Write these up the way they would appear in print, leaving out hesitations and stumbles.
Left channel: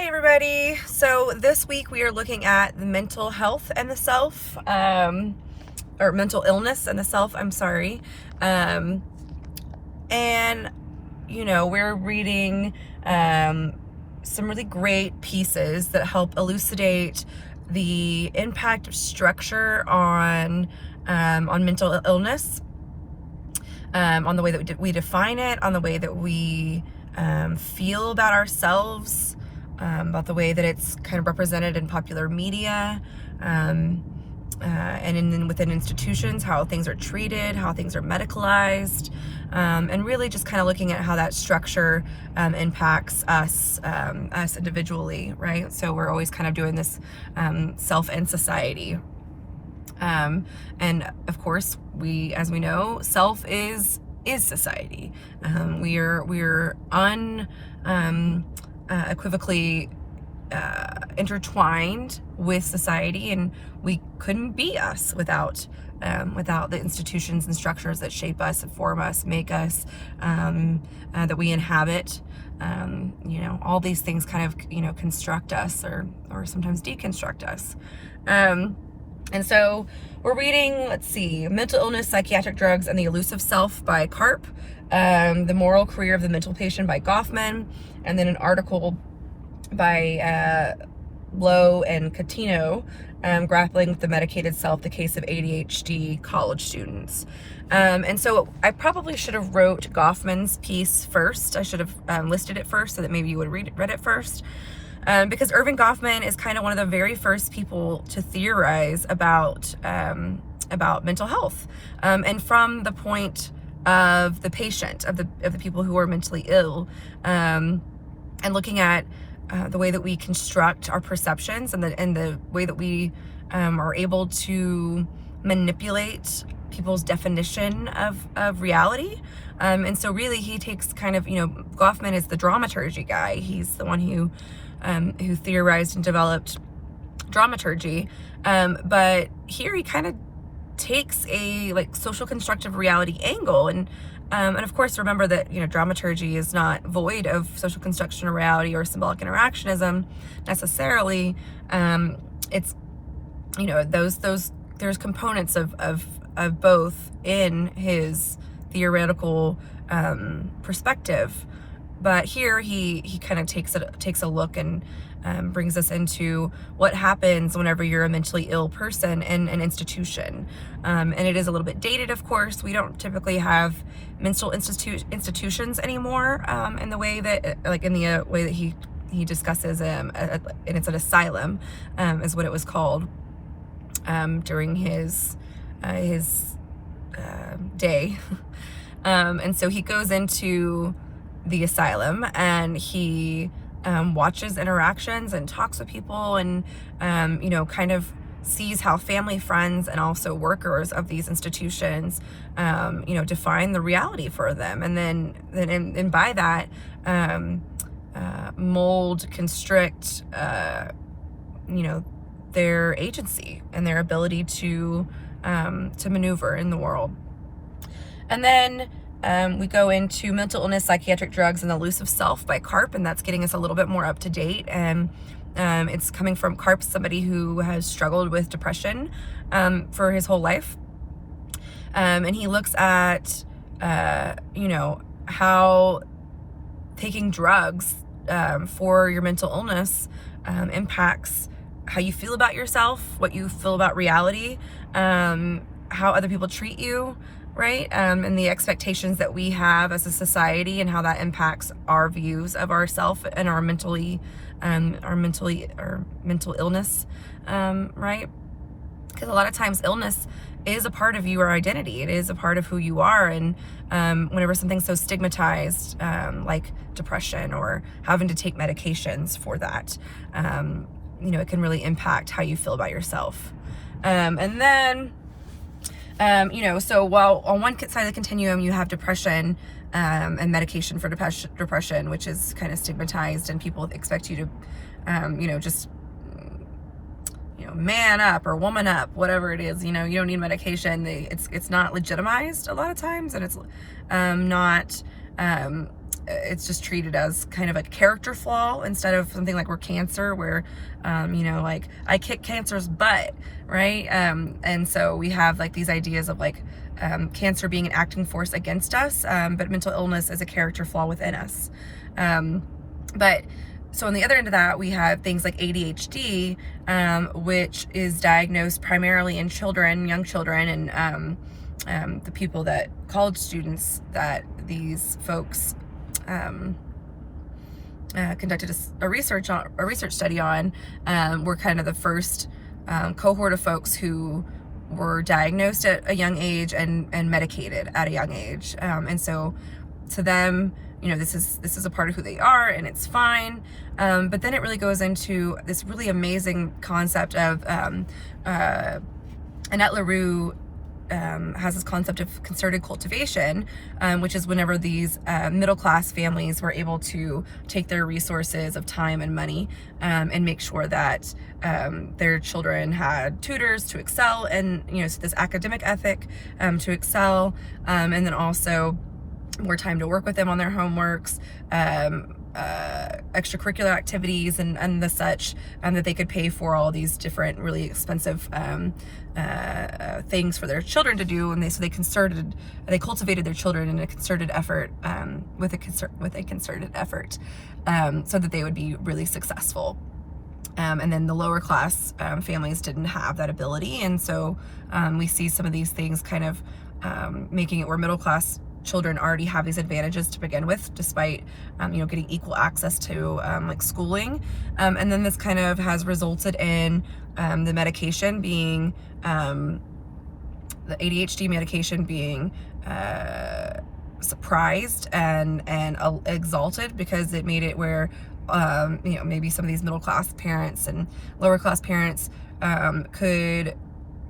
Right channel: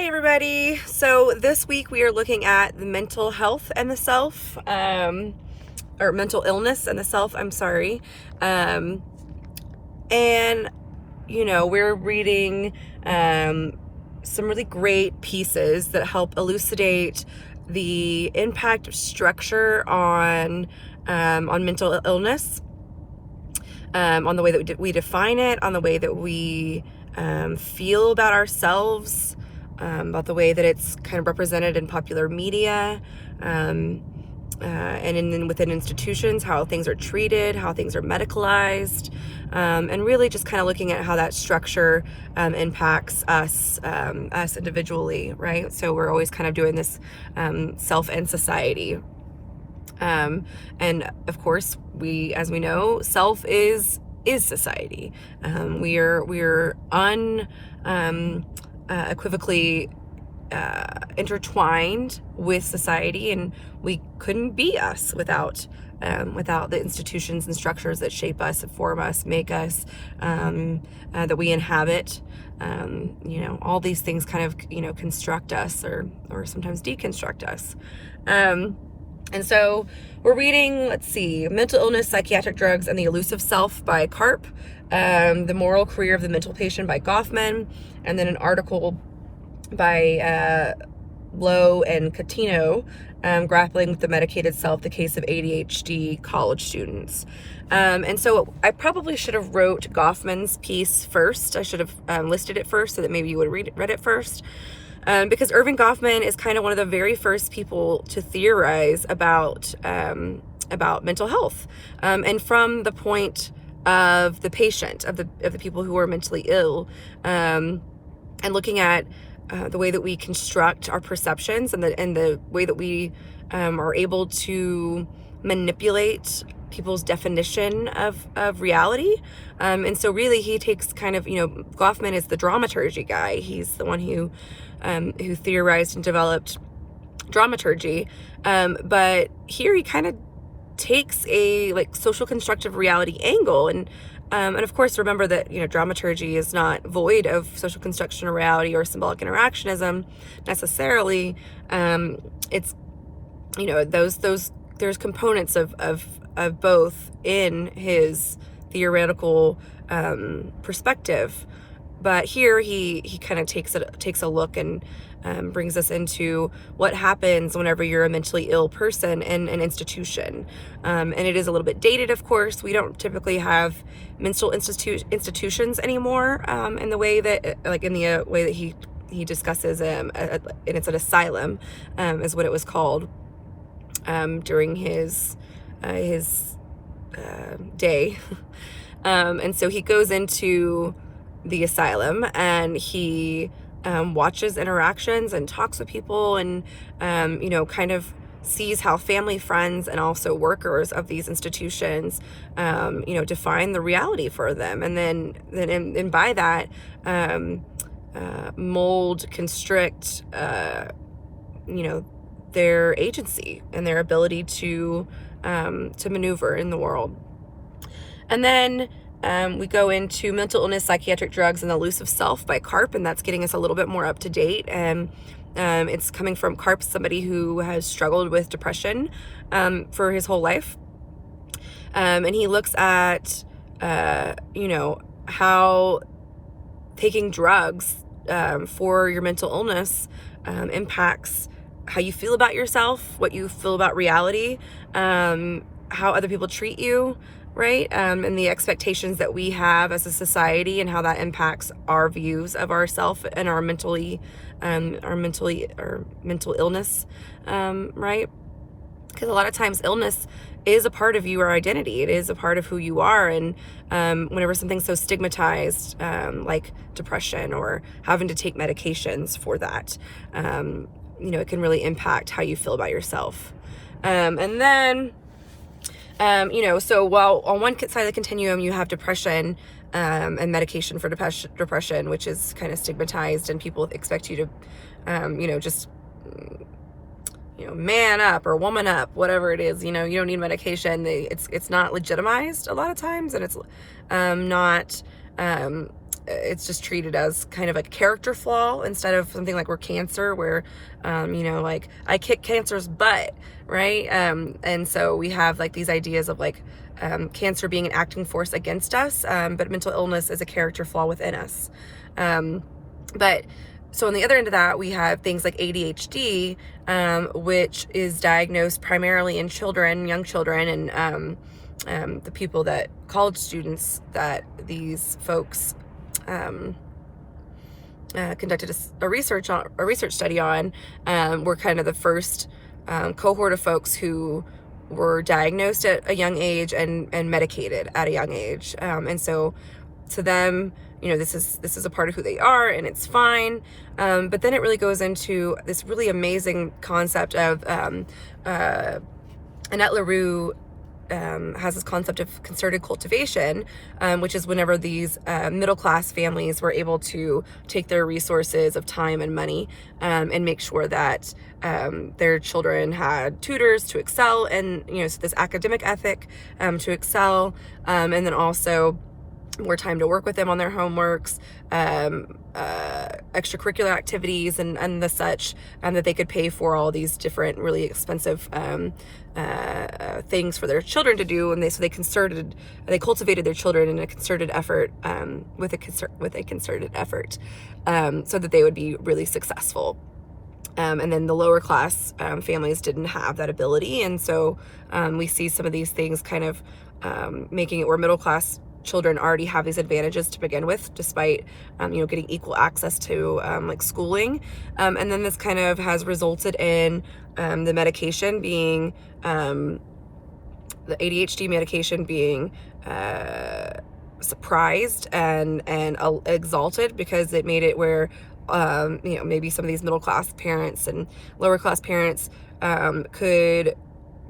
Hi everybody. So this week we are looking at the mental health and the self, or mental illness and the self, I'm sorry. And we're reading some really great pieces that help elucidate the impact of structure on mental illness, on the way that we define it, on the way that we feel about ourselves, about the way that it's kind of represented in popular media, and within institutions, how things are treated, how things are medicalized, and really just kind of looking at how that structure impacts us individually, right? So we're always kind of doing this self and society. And of course, as we know, self is society. We're unequivocally intertwined with society, and we couldn't be us without the institutions and structures that shape us, form us, make us, that we inhabit. All these things kind of construct us or sometimes deconstruct us. And so we're reading, Mental Illness, Psychiatric Drugs, and the Elusive Self by Karp, The Moral Career of the Mental Patient by Goffman, and then an article by Lowe and Catino, Grappling with the Medicated Self, the Case of ADHD College Students. And so I probably should have wrote Goffman's piece first. I should have listed it first so that maybe you would read it first. Because Erving Goffman is kind of one of the very first people to theorize about mental health, and from the point of the patient, of the people who are mentally ill, and looking at the way that we construct our perceptions and the way that we are able to manipulate people's definition of reality. And so really he takes kind of, Goffman is the dramaturgy guy. He's the one who theorized and developed dramaturgy. But here he kind of takes a social constructive reality angle. And of course, remember that, dramaturgy is not void of social construction of reality or symbolic interactionism necessarily. It's, there's components of both in his theoretical perspective. But here he kind of takes a look and brings us into what happens whenever you're a mentally ill person in an institution. And it is a little bit dated, of course. We don't typically have mental institutions anymore in the way that, way that he discusses, and it's an asylum, is what it was called during his day. And so he goes into the asylum and he watches interactions and talks with people and kind of sees how family, friends, and also workers of these institutions define the reality for them, and then by that mold, constrict their agency and their ability to maneuver in the world. And then we go into Mental Illness, Psychiatric Drugs, and the Elusive Self by Karp, and that's getting us a little bit more up to date. And it's coming from Karp, somebody who has struggled with depression for his whole life. And he looks at, how taking drugs for your mental illness impacts how you feel about yourself, what you feel about reality, how other people treat you, right? And the expectations that we have as a society, and how that impacts our views of ourself and our mental illness, right? Because a lot of times illness is a part of your identity. It is a part of who you are. And whenever something's so stigmatized, like depression or having to take medications for that, it can really impact how you feel about yourself. And then so while on one side of the continuum you have depression and medication for depression, which is kind of stigmatized, and people expect you to, man up or woman up, whatever it is. You don't need medication. It's not legitimized a lot of times, and it's not it's just treated as kind of a character flaw instead of something like we're cancer, where, like I kick cancer's butt, right? And so we have like these ideas of like cancer being an acting force against us, but mental illness is a character flaw within us. But so on the other end of that, we have things like ADHD, which is diagnosed primarily in children, young children, and the people that college students that these folks conducted a research study on, were kind of the first cohort of folks who were diagnosed at a young age and medicated at a young age. And so to them, this is a part of who they are, and it's fine. But then it really goes into this really amazing concept of Annette LaRue has this concept of concerted cultivation, which is whenever these middle-class families were able to take their resources of time and money and make sure that their children had tutors to excel, and so this academic ethic to excel, and then also more time to work with them on their homeworks, extracurricular activities, and the such, that they could pay for all these different really expensive things for their children to do, and they cultivated their children in a concerted effort, with a concerted effort, so that they would be really successful. And then the lower class families didn't have that ability, and so we see some of these things kind of making it where middle class children already have these advantages to begin with, despite getting equal access to like schooling, and then this kind of has resulted in the medication being the ADHD medication being surprised and exalted, because it made it where maybe some of these middle class parents and lower class parents could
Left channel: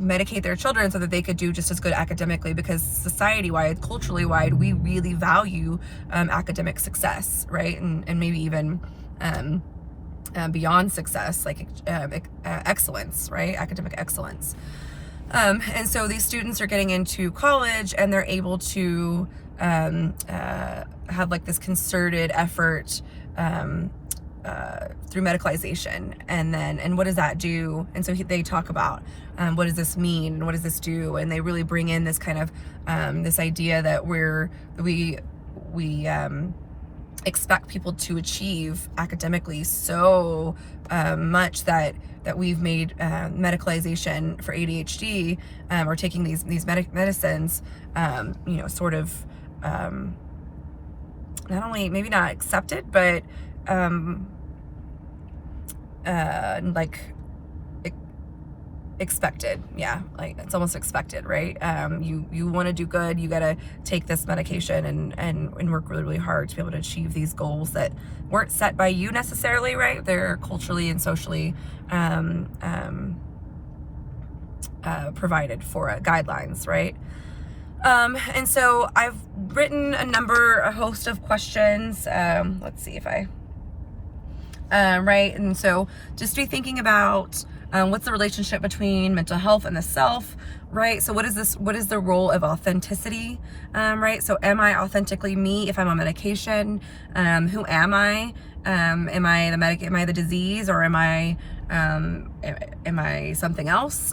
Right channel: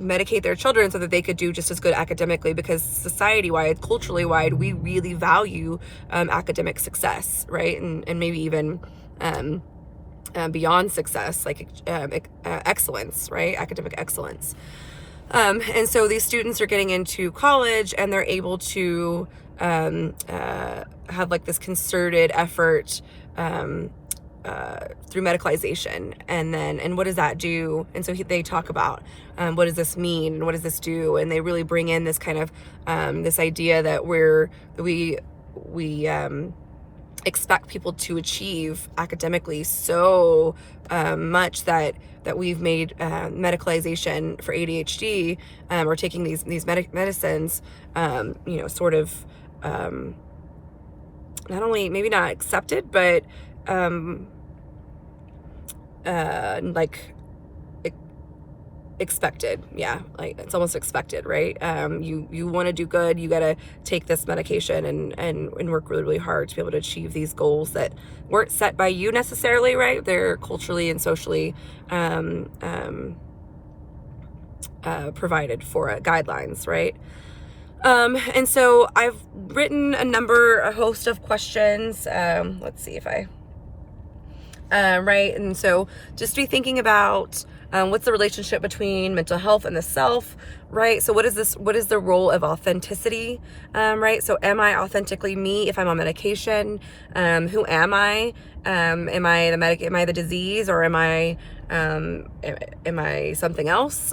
medicate their children so that they could do just as good academically, because society-wide, culturally wide, we really value academic success, right? And maybe even beyond success, like excellence, right? Academic excellence. And so these students are getting into college, and they're able to have like this concerted effort through medicalization, and what does that do? And so they talk about what does this mean, and what does this do? And they really bring in this kind of this idea that we expect people to achieve academically so much that we've made medicalization for ADHD, or taking these medicines, sort of not only maybe not accepted, but like expected. Yeah, like it's almost expected, right? You want to do good, you got to take this medication and work really, really hard to be able to achieve these goals that weren't set by you necessarily, right? They're culturally and socially provided for, guidelines, right? And so I've written a host of questions. Let's see if right. And so just be thinking about what's the relationship between mental health and the self, right? So what is the role of authenticity, right? So am I authentically me if I'm on medication? Who am I? Am I the disease, or am I something else?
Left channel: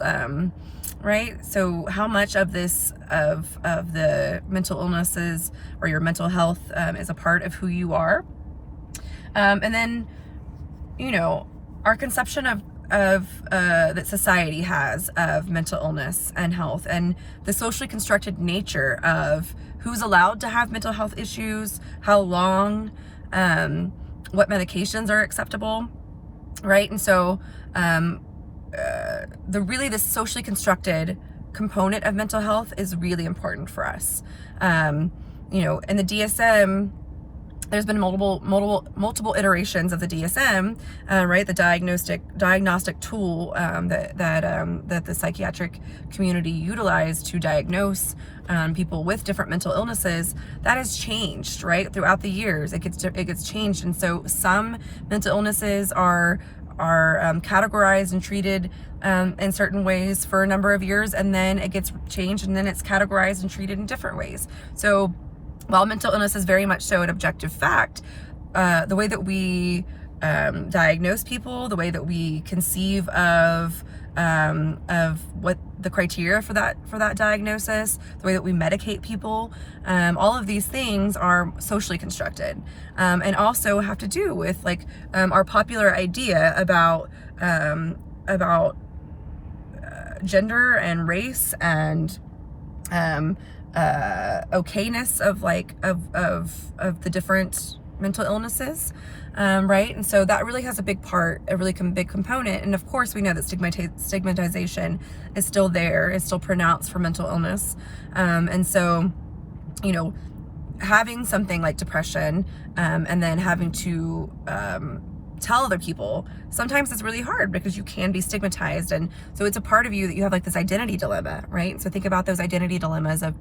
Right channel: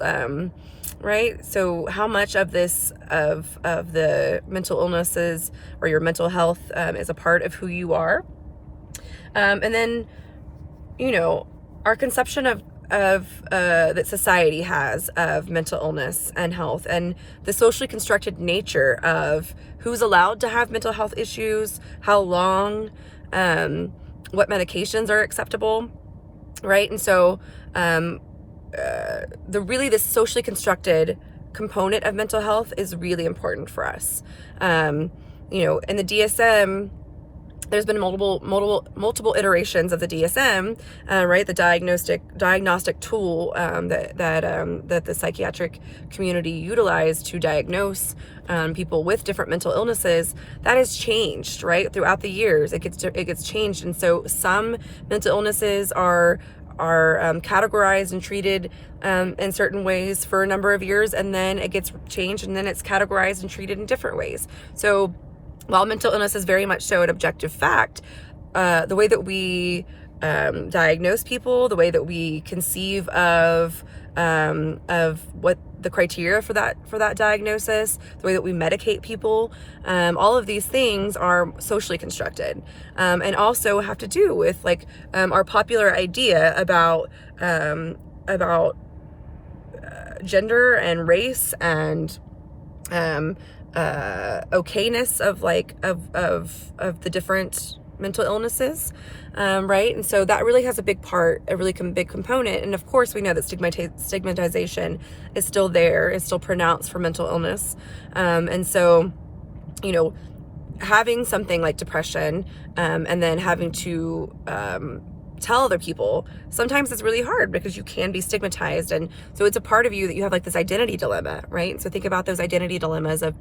Right? So how much of this, of the mental illnesses or your mental health, is a part of who you are? And then, our conception of that society has of mental illness and health, and the socially constructed nature of who's allowed to have mental health issues, how long, what medications are acceptable, right? And so the socially constructed component of mental health is really important for us. In the DSM, there's been multiple iterations of the DSM, right? The diagnostic tool that the psychiatric community utilized to diagnose people with different mental illnesses. That has changed, right? Throughout the years, it gets changed, and so some mental illnesses are categorized and treated in certain ways for a number of years, and then it gets changed, and then it's categorized and treated in different ways. So while mental illness is very much so an objective fact, the way that we diagnose people, the way that we conceive of what the criteria for that diagnosis, the way that we medicate people, all of these things are socially constructed, and also have to do with like our popular idea about gender and race and okayness of like of the different mental illnesses, right? And so that really has a big part, a really big component. And of course, we know that stigmatization is still there, is still pronounced for mental illness. And so, you know, having something like depression, and then having to tell other people, sometimes it's really hard because you can be stigmatized. And so it's a part of you that you have like this identity dilemma, right? So think about those identity dilemmas of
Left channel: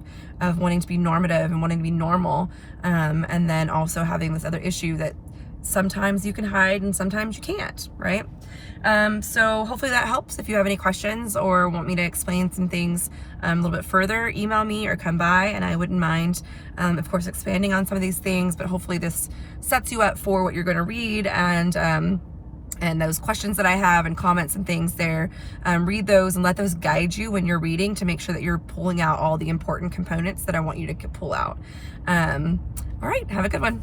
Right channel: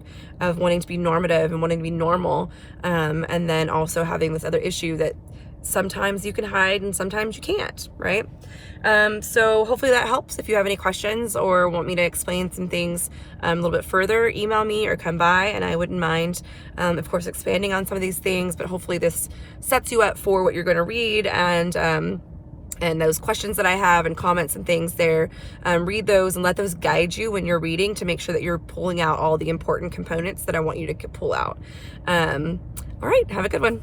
wanting to be normative and wanting to be normal, and then also having this other issue that sometimes you can hide and sometimes you can't, right? So hopefully that helps. If you have any questions or want me to explain some things a little bit further, email me or come by, and I wouldn't mind, of course, expanding on some of these things, but hopefully this sets you up for what you're going to read, and those questions that I have and comments and things there, read those and let those guide you when you're reading to make sure that you're pulling out all the important components that I want you to pull out. All right, have a good one.